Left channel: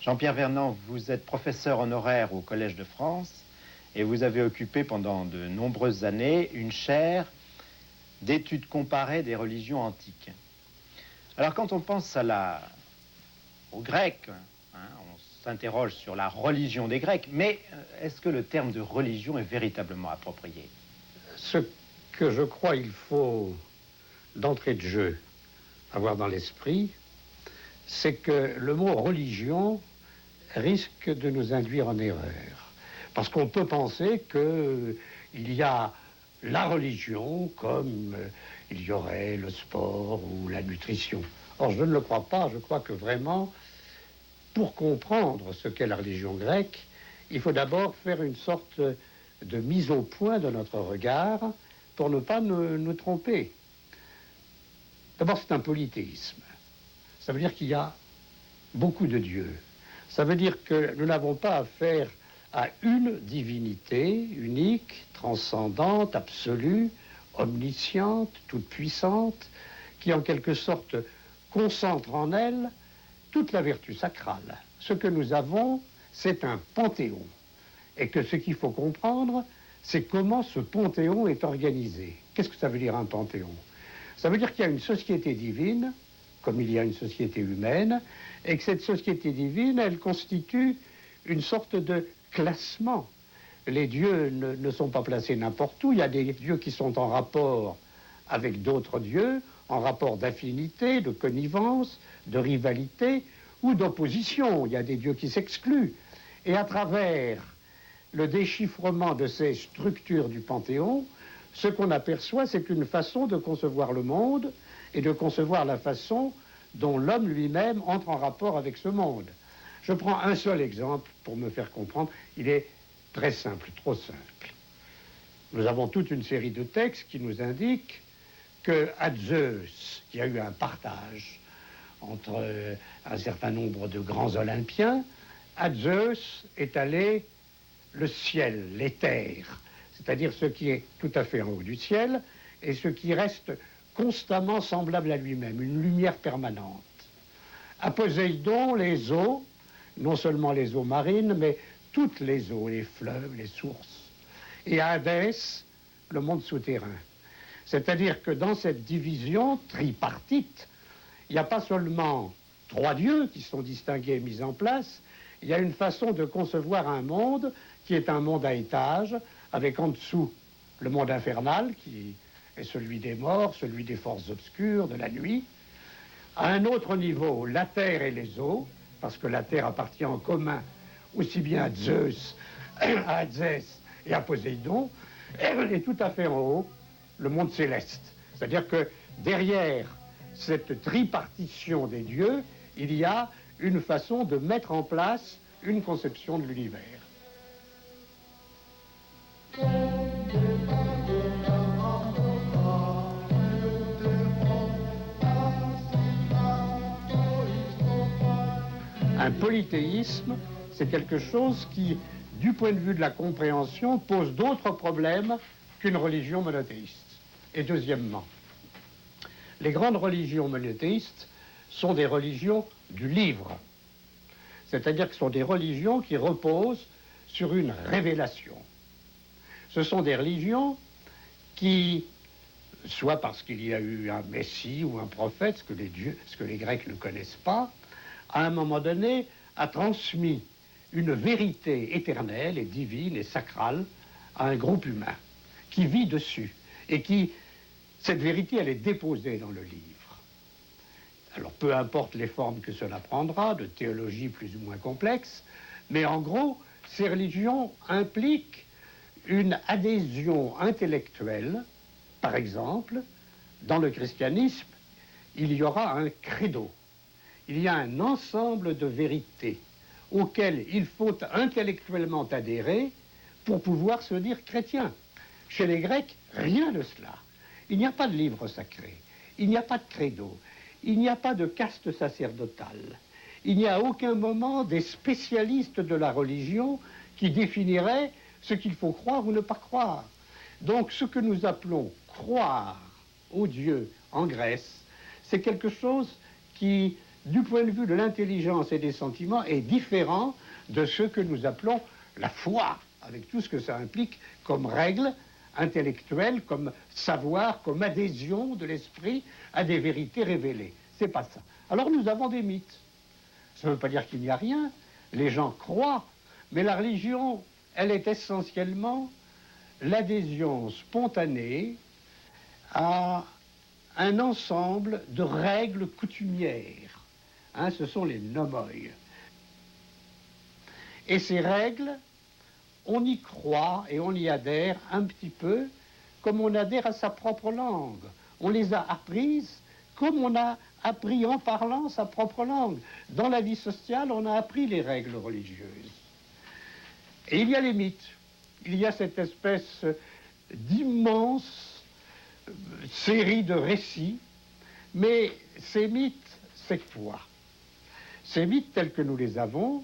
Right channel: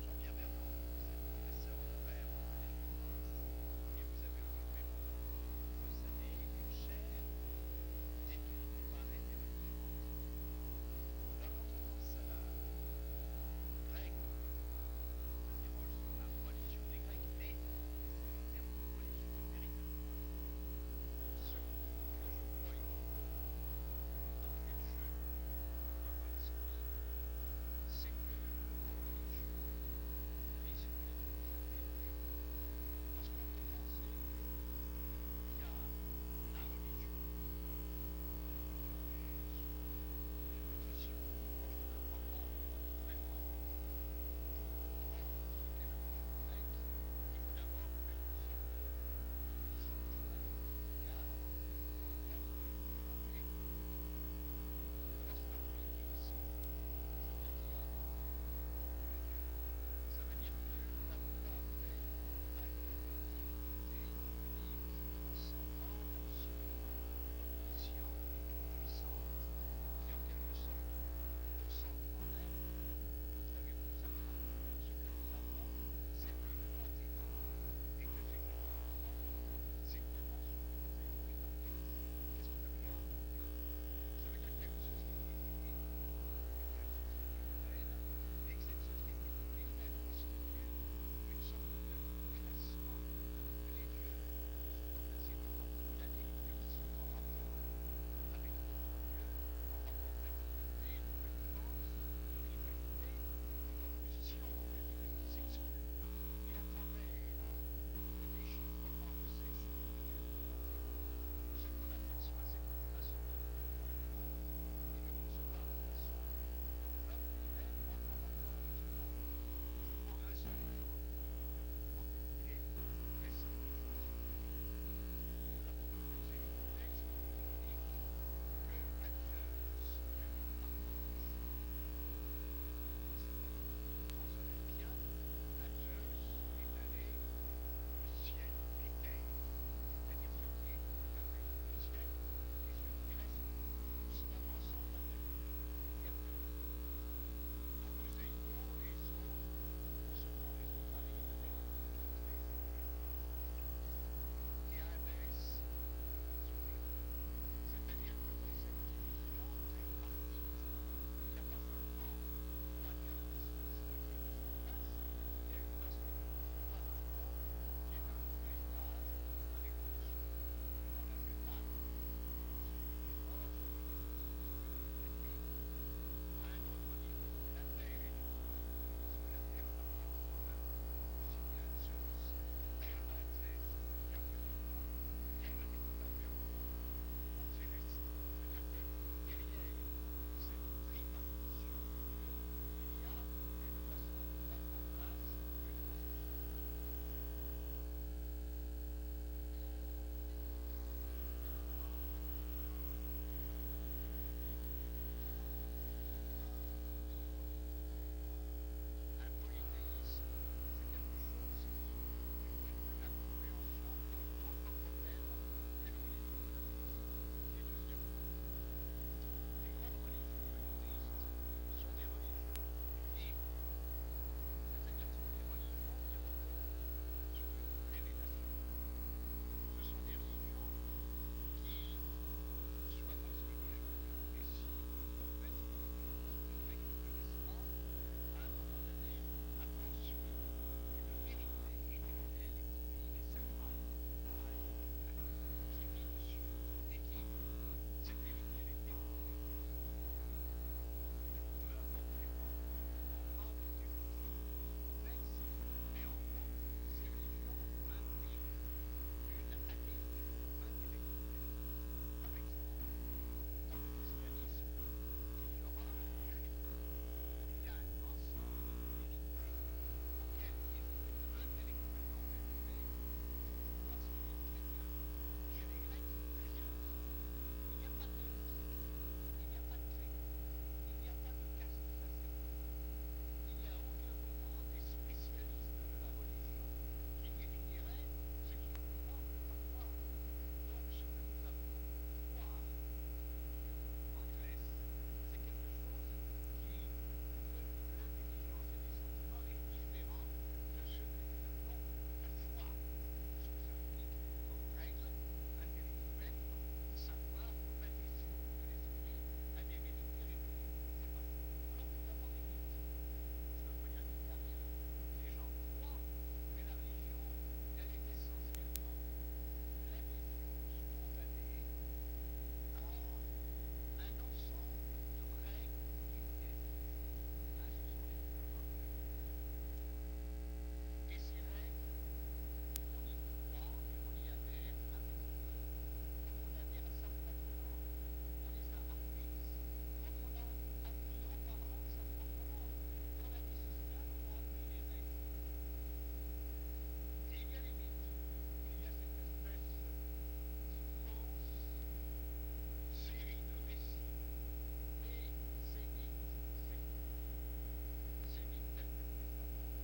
Jean-Pierre Vernant, vous êtes professeur honoraire au Collège de France et vous avez occupé pendant de nombreuses années une chaire d'études comparées des religions antiques. Alors quand on pense aux Grecs, on s'interroge sur la religion des Grecs, mais est-ce que le terme de religion est véritablement approprié? Ce que je crois il faut d'entrée de jeu avoir dans l'esprit, c'est que le mot religion risque de nous induire en erreur. Parce qu'on peut penser qu'il y a la religion comme il y aurait le sport ou la nutrition. Or, je ne le crois pas. Je crois que vraiment, pour comprendre ce qu'est la religion grecque, il faut d'abord faire une sorte de mise au point de notre regard pour ne pas nous tromper. D'abord, c'est un polythéisme. Ça veut dire qu'il y a beaucoup de dieux. Ça veut dire que nous n'avons pas affaire à une divinité unique, transcendante, absolue, omnisciente, toute-puissante, qui en quelque sorte concentre en elle toute la vertu sacrale. Ce que nous avons, c'est un panthéon. Et que ce qu'il faut comprendre, c'est comment ce panthéon est organisé. Qu'est-ce que ça veut dire un panthéon? Ça veut dire qu'il y a une société divine, comme il y a une société humaine, et que cette société divine, elle constitue une sorte de classement. Les dieux ne sont pas placés n'importe où. Il y a des dieux qui sont en rapport avec d'autres dieux, en rapport d'affinité, de connivence, de rivalité ou d'opposition. Il y a des dieux qui s'excluent. Et à travers le déchiffrement de ces structures du Panthéon, ce qu'on aperçoit, c'est une façon de concevoir le monde et de concevoir la façon dont l'homme lui-même entre en rapport avec ce monde. Je prends un seul exemple pour me faire comprendre. Il est très simple, trop simple. Nous avons toute une série de textes qui nous indiquent qu'à Zeus, il y a eu un partage entre un certain nombre de grands Olympiens, à Zeus est allé le ciel, l'éther, c'est-à-dire ce qui est tout à fait en haut du ciel et ce qui reste constamment semblable à lui-même, une lumière permanente. À Poséidon, les eaux, non seulement les eaux marines, mais toutes les eaux, les fleuves, les sources. Et à Hadès, le monde souterrain. C'est-à-dire que dans cette division tripartite, il n'y a pas seulement trois dieux qui sont distingués et mis en place, il y a une façon de concevoir un monde qui est un monde à étages, avec en dessous le monde infernal, qui est celui des morts, celui des forces obscures, de la nuit. À un autre niveau, la terre et les eaux, parce que la terre appartient en commun aussi bien à Zeus, à Hadès et à Poséidon, et tout à fait en haut, le monde céleste. C'est-à-dire que derrière cette tripartition des dieux, il y a une façon de mettre en place une conception de l'univers. Un polythéisme, c'est quelque chose qui, du point de vue de la compréhension, pose d'autres problèmes qu'une religion monothéiste. Et deuxièmement, les grandes religions monothéistes sont des religions du livre. C'est-à-dire que ce sont des religions qui reposent sur une révélation. Ce sont des religions qui, soit parce qu'il y a eu un messie ou un prophète, ce que les Grecs ne connaissent pas, à un moment donné, a transmis une vérité éternelle et divine et sacrale à un groupe humain qui vit dessus et qui, cette vérité, elle est déposée dans le livre. Alors, peu importe les formes que cela prendra, de théologie plus ou moins complexe, mais en gros, ces religions impliquent une adhésion intellectuelle. Par exemple, dans le christianisme, il y aura un credo. Il y a un ensemble de vérités auxquelles il faut intellectuellement adhérer pour pouvoir se dire chrétien. Chez les Grecs, rien de cela. Il n'y a pas de livre sacré, il n'y a pas de credo, il n'y a pas de caste sacerdotale. Il n'y a à aucun moment des spécialistes de la religion qui définiraient ce qu'il faut croire ou ne pas croire. Donc ce que nous appelons croire au Dieu en Grèce, c'est quelque chose qui, du point de vue de l'intelligence et des sentiments, est différent de ce que nous appelons la foi, avec tout ce que ça implique comme règle intellectuelle, comme savoir, comme adhésion de l'esprit à des vérités révélées. C'est pas ça. Alors nous avons des mythes. Ça ne veut pas dire qu'il n'y a rien. Les gens croient, mais la religion, elle est essentiellement l'adhésion spontanée à un ensemble de règles coutumières. Hein, ce sont les nomoi. Et ces règles, on y croit et on y adhère un petit peu comme on adhère à sa propre langue. On les a apprises comme on a appris en parlant sa propre langue. Dans la vie sociale, on a appris les règles religieuses. Et il y a les mythes. Il y a cette espèce d'immense série de récits, mais ces mythes, c'est quoi? Ces mythes tels que nous les avons,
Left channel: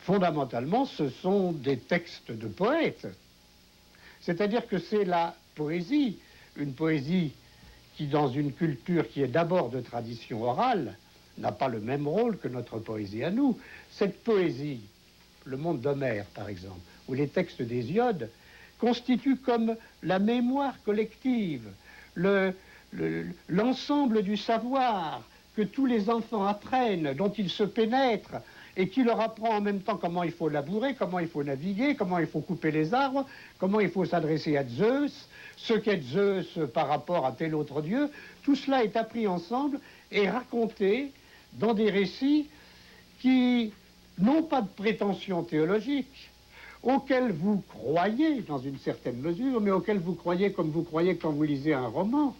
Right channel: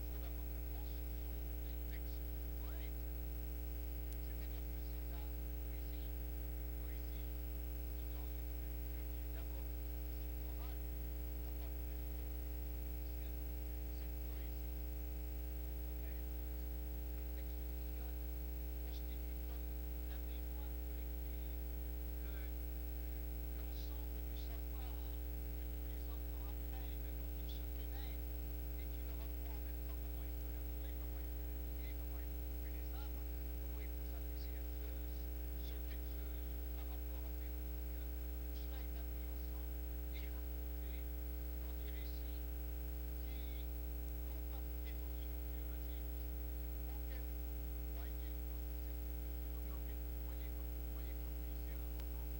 fondamentalement, ce sont des textes de poètes. C'est-à-dire que c'est la poésie, une poésie qui, dans une culture qui est d'abord de tradition orale, n'a pas le même rôle que notre poésie à nous. Cette poésie, le monde d'Homère, par exemple, ou les textes d'Hésiode, constituent comme la mémoire collective, l'ensemble du savoir que tous les enfants apprennent, dont ils se pénètrent, et qui leur apprend en même temps comment il faut labourer, comment il faut naviguer, comment il faut couper les arbres, comment il faut s'adresser à Zeus, ce qu'est Zeus par rapport à tel autre dieu. Tout cela est appris ensemble et raconté dans des récits qui n'ont pas de prétention théologique, auxquels vous croyez dans une certaine mesure, mais auxquels vous croyez comme vous croyez quand vous lisez un roman.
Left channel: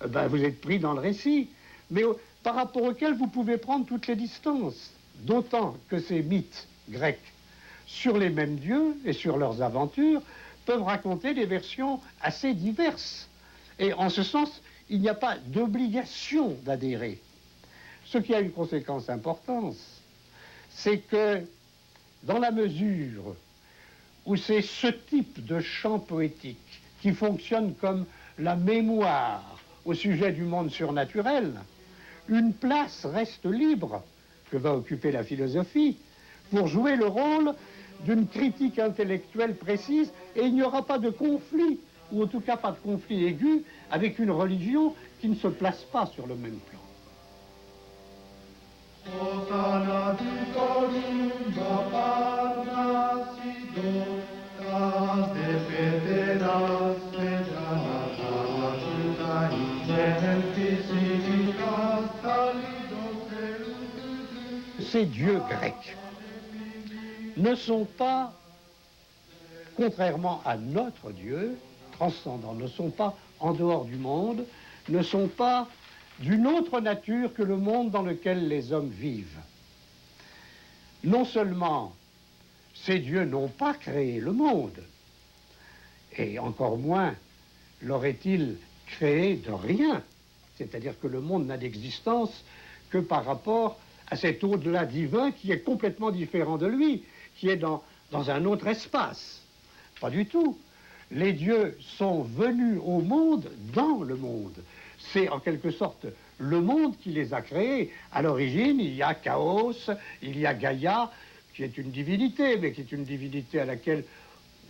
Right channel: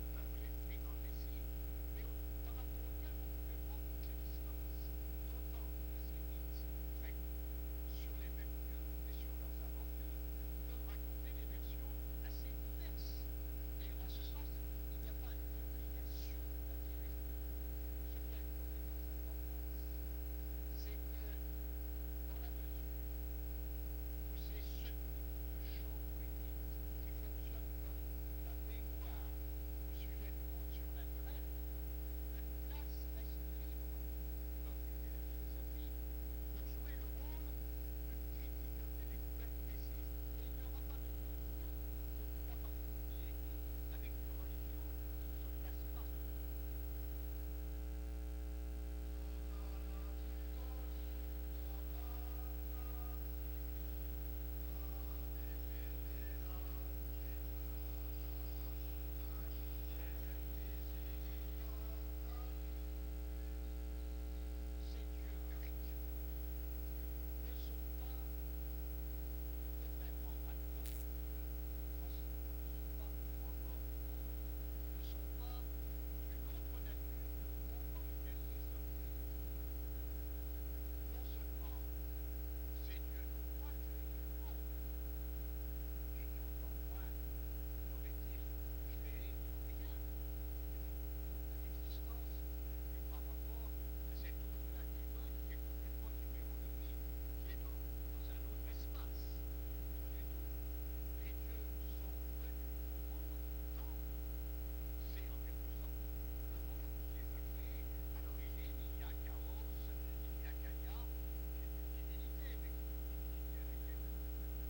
Vous êtes pris dans le récit, mais par rapport auxquels vous pouvez prendre toutes les distances. D'autant que ces mythes grecs sur les mêmes dieux et sur leurs aventures peuvent raconter des versions assez diverses. Et en ce sens, il n'y a pas d'obligation d'adhérer. Ce qui a une conséquence importante, c'est que dans la mesure où c'est ce type de chant poétique qui fonctionne comme la mémoire au sujet du monde surnaturel, une place reste libre que va occuper la philosophie pour jouer le rôle d'une critique intellectuelle précise, et il n'y aura pas de conflit, ou en tout cas pas de conflit aigu, avec une religion qui ne se place pas sur le même plan. Ces dieux grecs ne sont pas, contrairement à notre Dieu transcendant, ne sont pas en dehors du monde, ne sont pas d'une autre nature que le monde dans lequel les hommes vivent. Non seulement ces dieux n'ont pas créé le monde, et encore moins l'aurait-il créé de rien, c'est-à-dire que le monde n'a d'existence que par rapport à cet au-delà divin qui est complètement différent de lui, qui est dans un autre espace. Pas du tout. Les dieux sont venus au monde dans le monde. C'est en quelque sorte le monde qui les a créés. À l'origine, il y a Chaos, il y a Gaïa, qui est une divinité, mais qui est une divinité à laquelle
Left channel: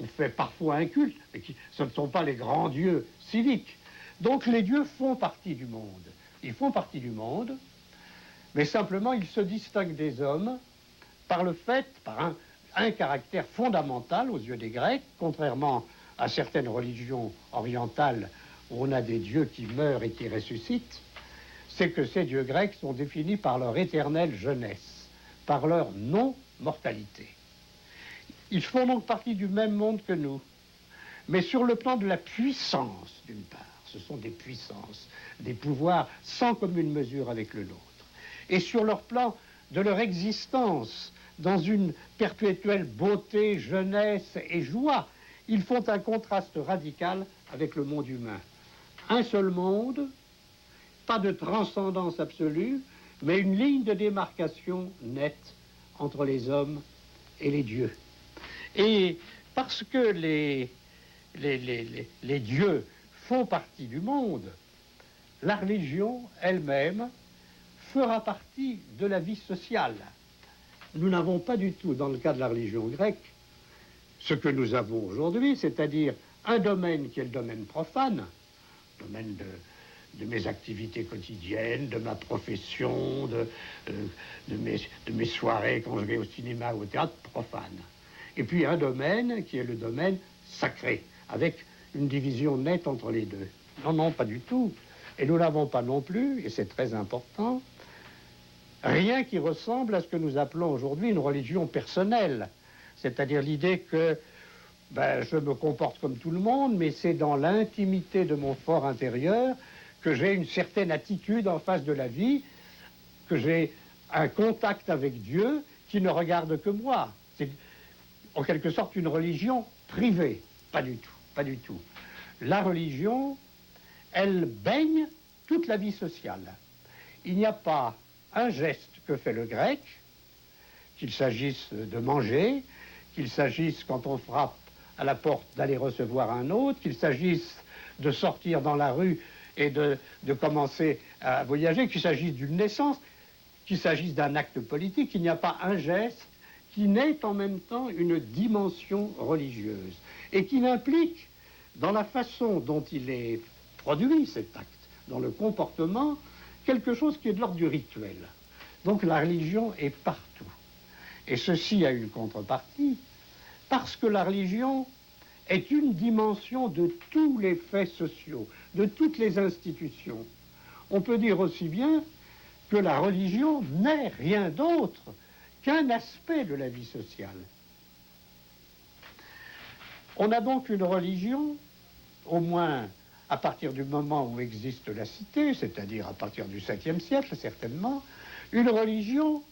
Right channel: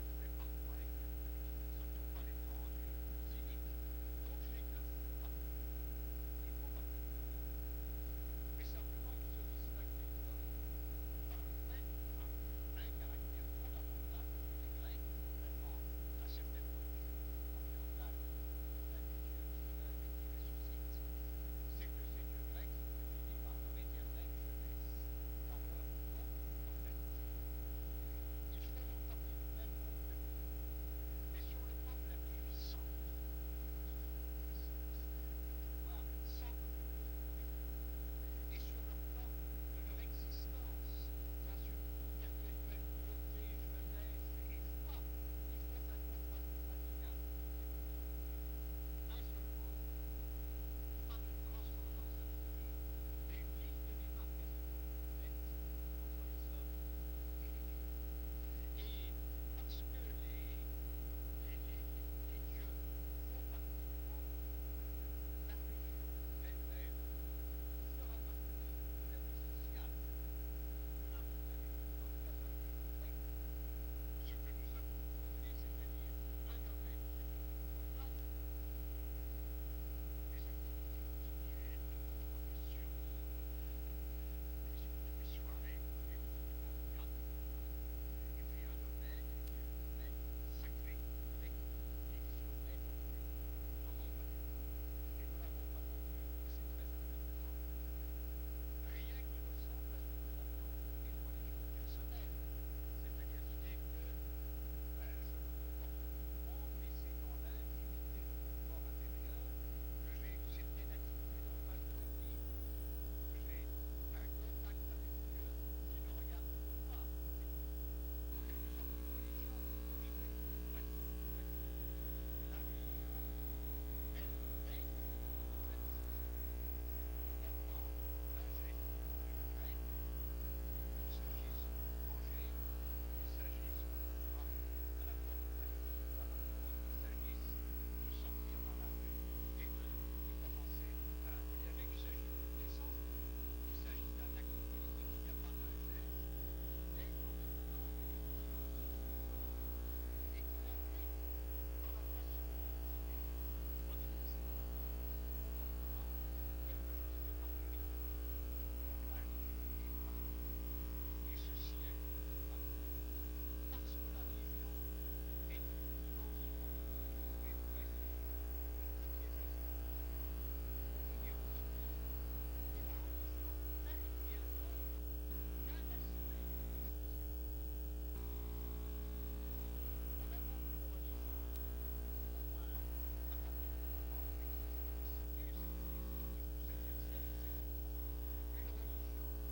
on fait parfois un culte, mais ce ne sont pas les grands dieux civiques. Donc les dieux font partie du monde. Ils font partie du monde, mais simplement ils se distinguent des hommes par le fait, par un caractère fondamental aux yeux des Grecs, contrairement à certaines religions orientales où on a des dieux qui meurent et qui ressuscitent, c'est que ces dieux grecs sont définis par leur éternelle jeunesse, par leur non-mortalité. Ils font donc partie du même monde que nous, mais sur le plan de la puissance, d'une part. Ce sont des puissances, des pouvoirs sans commune mesure avec le nôtre. Et sur leur plan de leur existence, dans une perpétuelle beauté, jeunesse et joie, ils font un contraste radical avec le monde humain. Un seul monde, pas de transcendance absolue, mais une ligne de démarcation nette entre les hommes et les dieux. Et Parce que les dieux font partie du monde, la religion elle-même fera partie de la vie sociale. Nous n'avons pas du tout, dans le cas de la religion grecque, ce que nous avons aujourd'hui, c'est-à-dire un domaine qui est le domaine profane, le domaine de mes activités quotidiennes, de ma profession, de mes soirées quand je vais au cinéma ou au théâtre, profane. Et puis un domaine qui est le domaine sacré, avec une division nette entre les deux. Non, non, pas du tout. Et nous n'avons pas non plus, et c'est très important, rien qui ressemble à ce que nous appelons aujourd'hui une religion personnelle. C'est-à-dire l'idée que je me comporte comme tout le monde, mais c'est dans l'intimité de mon fort intérieur que j'ai une certaine attitude en face de la vie, que j'ai un contact avec Dieu qui ne regarde que moi. C'est en quelque sorte une religion privée. Pas du tout, pas du tout. La religion, elle baigne toute la vie sociale. Il n'y a pas un geste que fait le grec, qu'il s'agisse de manger, qu'il s'agisse quand on frappe à la porte d'aller recevoir un autre, qu'il s'agisse de sortir dans la rue et de commencer à voyager, qu'il s'agisse d'une naissance, qu'il s'agisse d'un acte politique, il n'y a pas un geste qui n'ait en même temps une dimension religieuse et qui n'implique dans la façon dont il est produit cet acte, dans le comportement, quelque chose qui est de l'ordre du rituel. Donc la religion est partout. Et ceci a une contrepartie, parce que la religion est une dimension de tous les faits sociaux, de toutes les institutions. On peut dire aussi bien que la religion n'est rien d'autre qu'un aspect de la vie sociale. On a donc une religion, au moins à partir du moment où existe la cité, c'est-à-dire à partir du 7e siècle certainement, une religion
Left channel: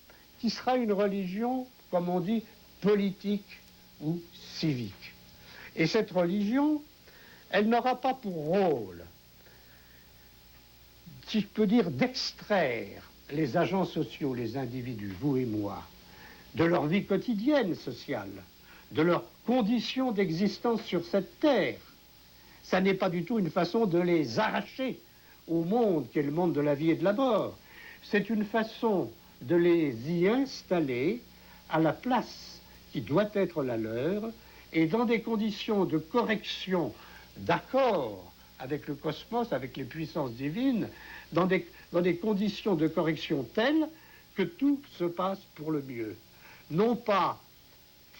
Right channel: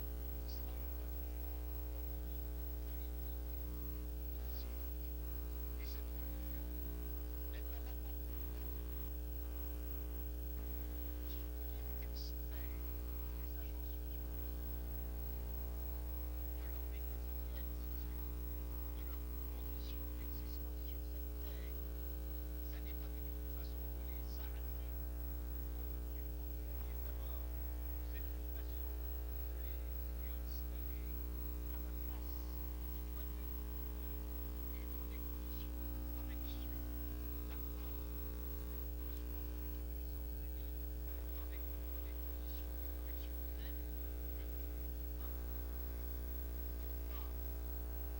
qui sera une religion, comme on dit, politique ou civique. Et cette religion, elle n'aura pas pour rôle, si je peux dire, d'extraire les agents sociaux, les individus, vous et moi, de leur vie quotidienne sociale, de leurs conditions d'existence sur cette terre. Ça n'est pas du tout une façon de les arracher au monde qui est le monde de la vie et de la mort. C'est une façon de les y installer à la place qui doit être la leur et dans des conditions de correction, d'accord avec le cosmos, avec les puissances divines, dans des conditions de correction telles que tout se passe pour le mieux. Non pas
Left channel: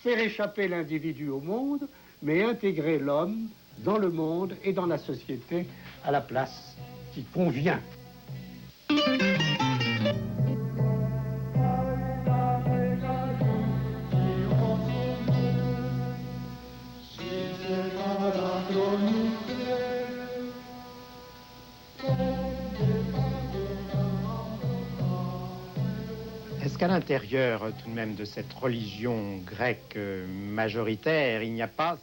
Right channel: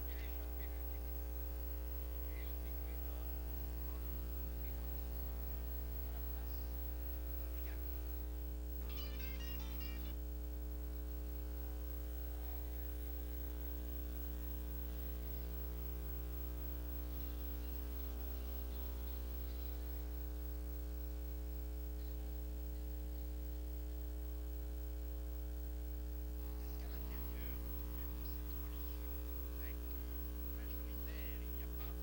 faire échapper l'individu au monde, mais intégrer l'homme dans le monde et dans la société à la place qui convient. Est-ce qu'à l'intérieur tout de même de cette religion grecque majoritaire, il n'y a pas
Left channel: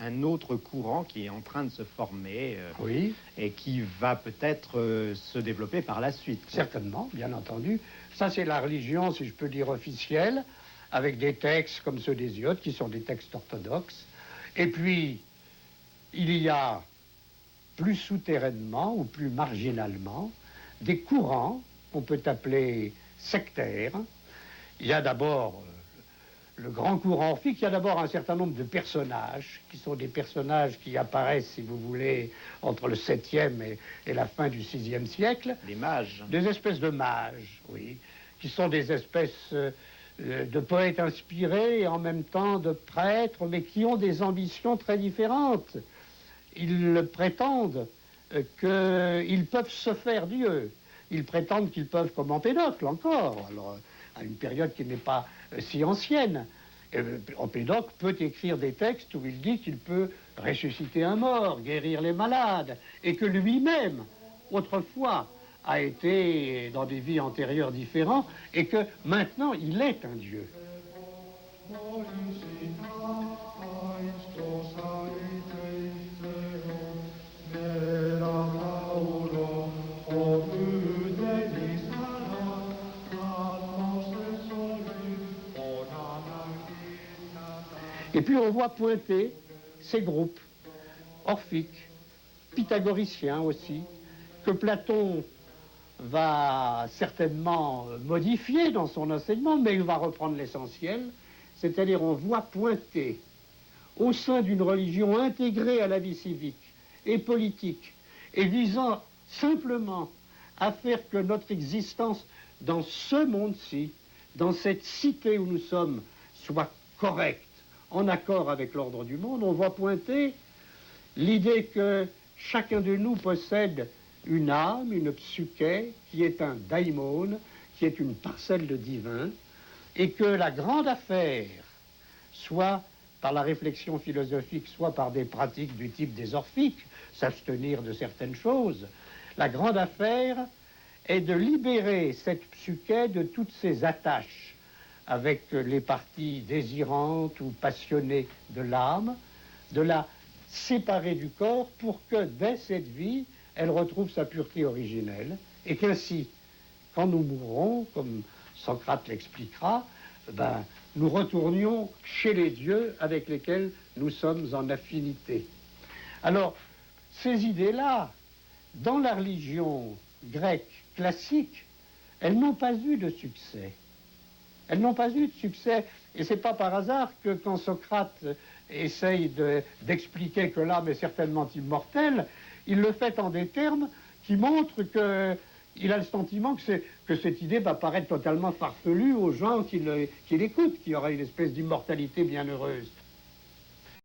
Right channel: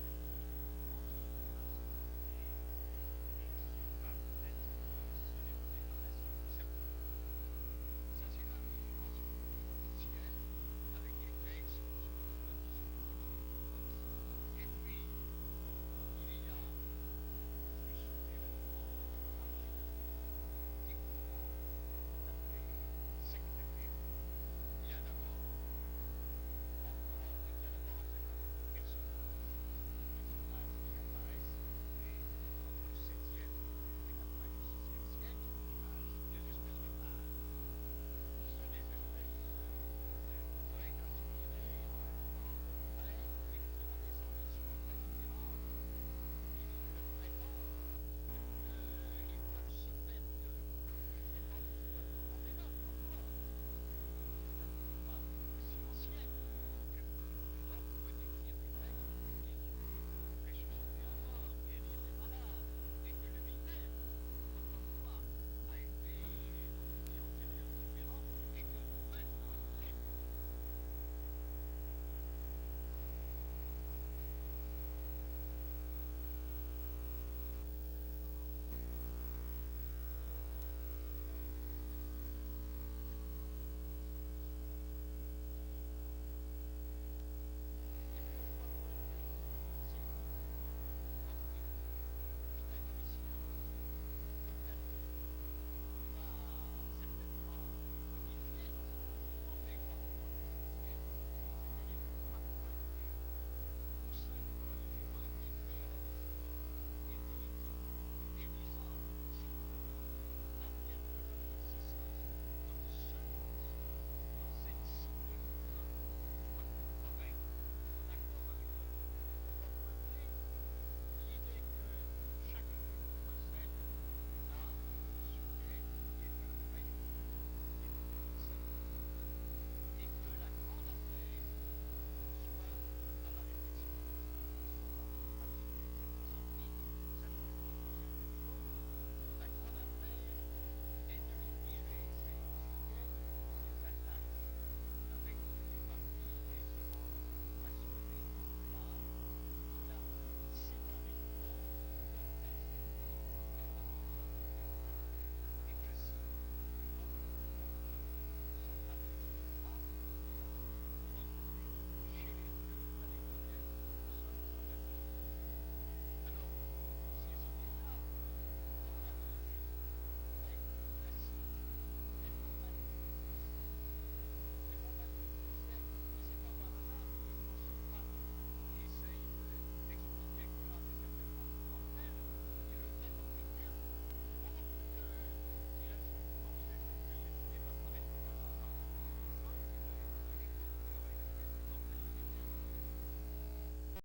un autre courant qui est en train de se former Oui. Et qui va peut-être se développer par la suite? Certainement, bien entendu. Ça, c'est la religion, si je peux dire, officielle, avec des textes comme ceux d'Hésiode, qui sont des textes orthodoxes. Et puis, il y a plus souterrainement ou plus marginalement des courants qu'on peut appeler sectaires. Il y a d'abord le grand courant orphique, il y a d'abord un certain nombre de personnages, qui sont des personnages qui apparaissent, si vous voulez, entre le 7e et la fin du 6e siècle. Des mages. Des espèces de mages, oui, qui sont des espèces de poètes inspirés et en même temps de prêtres, mais qui ont des ambitions très différentes. Ils prétendent qu'ils peuvent se faire Dieu. Ils prétendent qu'ils peuvent, comme Empédocle encore, alors, à une période qui n'est pas si ancienne. Empédocle peut écrire des textes où il dit qu'il peut ressusciter un mort, guérir les malades, et que lui-même, autrefois, a été dans des vies antérieures différentes, et que maintenant, il est un Dieu. Et puis on voit pointer ces groupes orphiques, pythagoriciens aussi, que Platon va certainement modifier dans son enseignement, mais il va reprendre l'essentiel, c'est-à-dire on voit pointer au sein d'une religion intégrée à la vie civique et politique, et visant simplement à faire que notre existence dans ce monde-ci, dans cette cité où nous sommes, soit correcte, en accord avec l'ordre du monde, on voit pointer l'idée que chacun de nous possède une âme, une psyché, qui est un daimon, qui est une parcelle de divin, et que la grande affaire, soit par la réflexion philosophique, soit par des pratiques du type des orphiques, s'abstenir de certaines choses, la grande affaire est de libérer cette psyché de toutes ses attaches avec les parties désirantes ou passionnées de l'âme, de la séparer du corps pour que dès cette vie, elle retrouve sa pureté originelle, et qu'ainsi, quand nous mourrons, comme Socrate l'expliquera, nous retournions chez les dieux avec lesquels nous sommes en affinité. Alors, ces idées-là, dans la religion grecque classique, elles n'ont pas eu de succès. Elles n'ont pas eu de succès, et c'est pas par hasard que quand Socrate essaye d'expliquer que l'âme est certainement immortelle, il le fait en des termes qui montrent qu'il a le sentiment que cette idée va paraître totalement farfelue aux gens qui l'écoutent, qu'il y aura une espèce d'immortalité bienheureuse.